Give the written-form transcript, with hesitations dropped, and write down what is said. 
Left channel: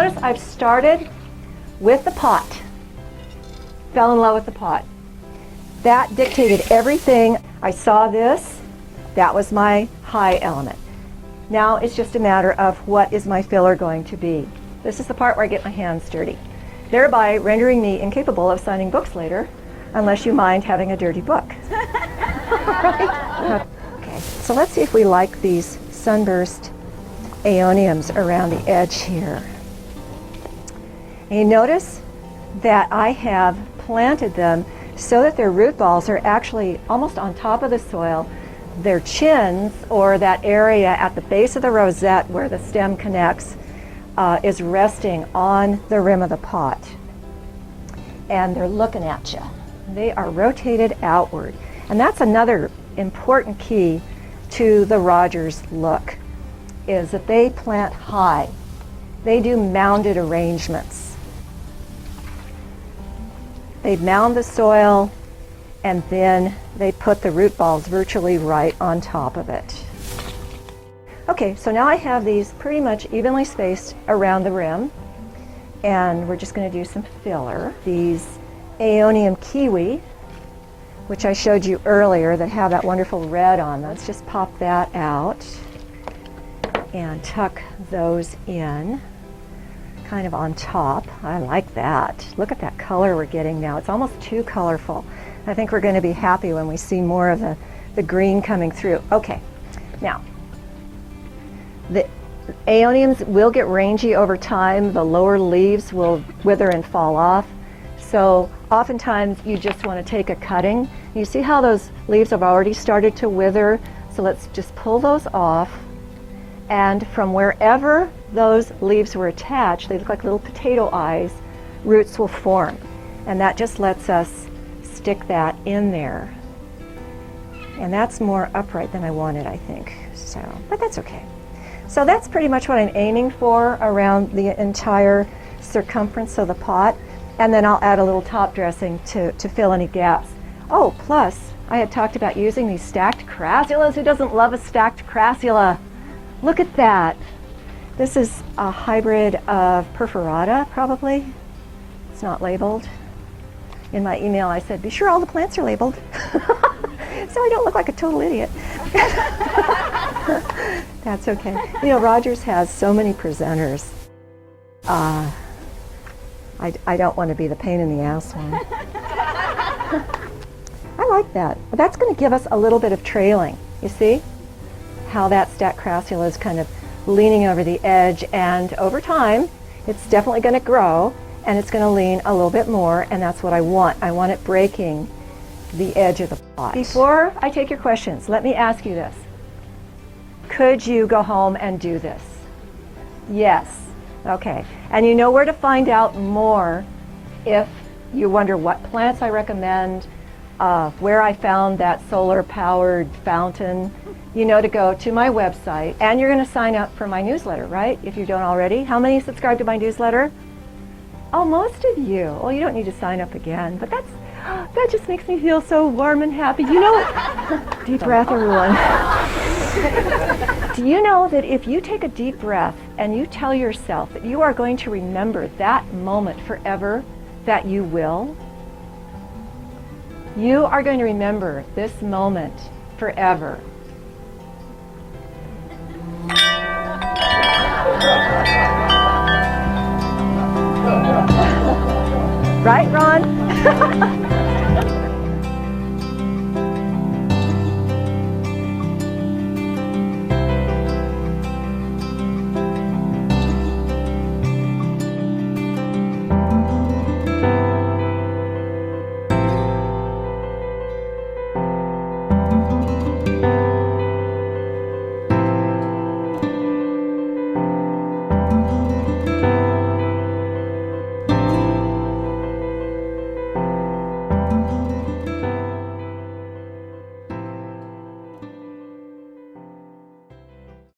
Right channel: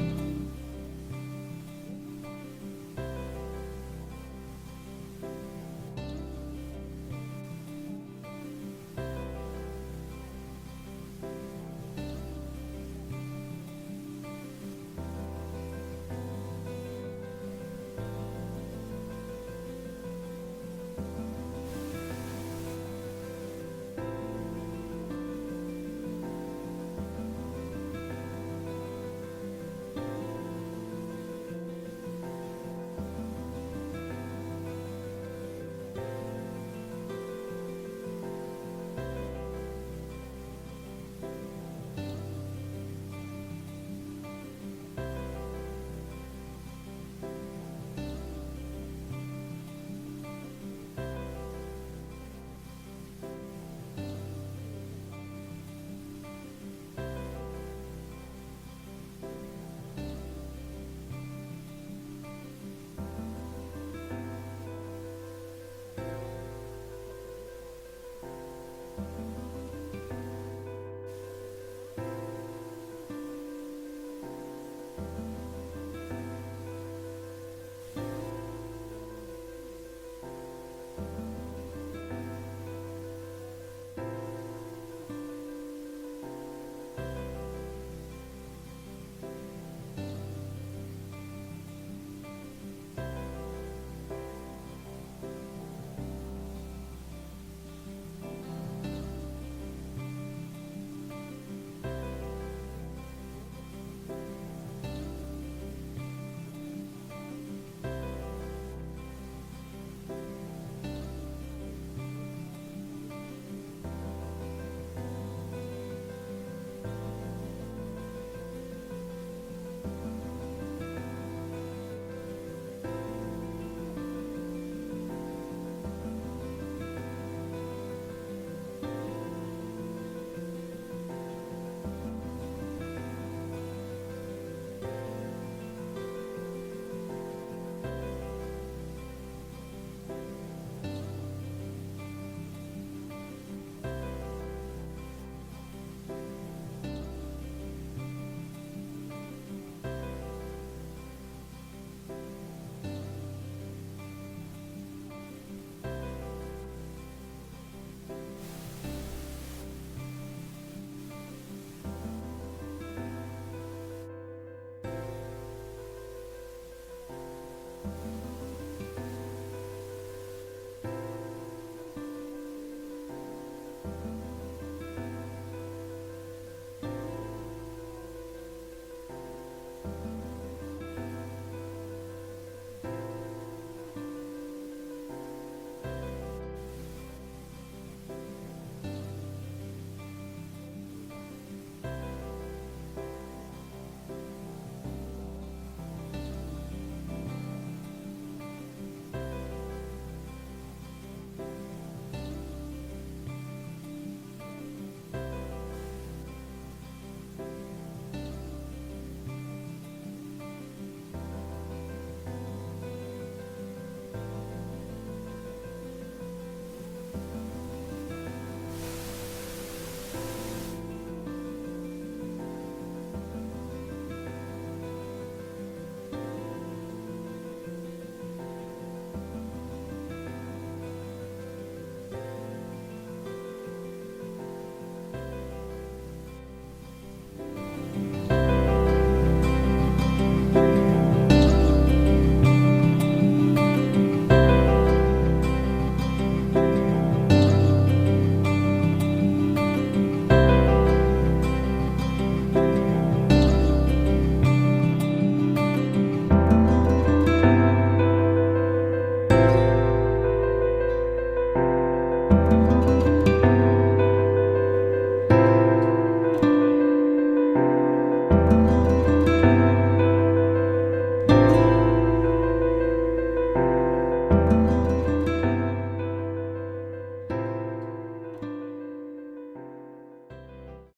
notice I've started with the pot. Fell in love with the pot. That dictated everything. I saw this. That was my high element. Now it's just a matter of what is my filler going to be. This is the part where I get my hands dirty, thereby rendering me incapable of signing books later, unless you mind having a dirty book. Right? Okay, so let's see if we like these sunburst aeoniums around the edge here. And you notice that I have planted them so that their root balls are actually almost on top of the soil. Their chins, or that area at the base of the rosette where the stem connects, is resting on the rim of the pot. And they're looking at you. They are rotated outward. And that's another important key to the Rogers look, is that they plant high. They do mounded arrangements. They mound the soil, and then they put the root balls virtually right on top of it. Okay, so now I have these pretty much evenly spaced around the rim, and we're just going to do some filler. These Aeonium kiwi, which I showed you earlier, that have that wonderful red on. Let's just pop that out and tuck those in, kind of on top. I like that. Look at that color we're getting now. It's almost too colorful. I think we're going to be happy when we see more of the green coming through. Okay, now, the aeoniums will get rangy over time. The lower leaves will wither and fall off. So oftentimes you just want to take a cutting. You see how those leaves have already started to wither? So let's just pull those off. And from wherever those leaves were attached, they look like little potato eyes, roots will form. And that just lets us stick that in there. And that's more upright than I wanted, I think. So, but that's okay. So that's pretty much what I'm aiming for around the entire circumference of the pot. And then I'll add a little top dressing to fill any gaps. Oh, plus, I had talked about using these stacked crassulas. Who doesn't love a stacked crassula? Look at that. This is a hybrid of perforata, probably. It's not labeled. In my email, I said, be sure all the plants are labeled. So I don't look like a total idiot. That's okay. You know, Rogers has so many presenters. I don't want to be the pain in the ass one. I like that. But that's going to give us a little bit of trailing. You see how that stacked crassula is kind of leaning over the edge, and over time, it's definitely going to grow, and it's going to lean a little bit more, and that's what I want. I want it breaking the edge of the pot. Before I take your questions, let me ask you this. Could you go home and do this? Yes. Okay. And you know where to find out more if you wonder what plants I recommend, where I found that solar-powered fountain. You know to go to my website, and you're going to sign up for my newsletter, right? If you don't already. How many subscribe to my newsletter? Oh, most of you. Well, you don't need to sign up again, but that just makes me feel so warm and happy. You know, deep breath, everyone. Do you know that if you take a deep breath and you tell yourself that you are going to remember that moment forever, that you will? You are going to remember this moment forever. Right, Ron?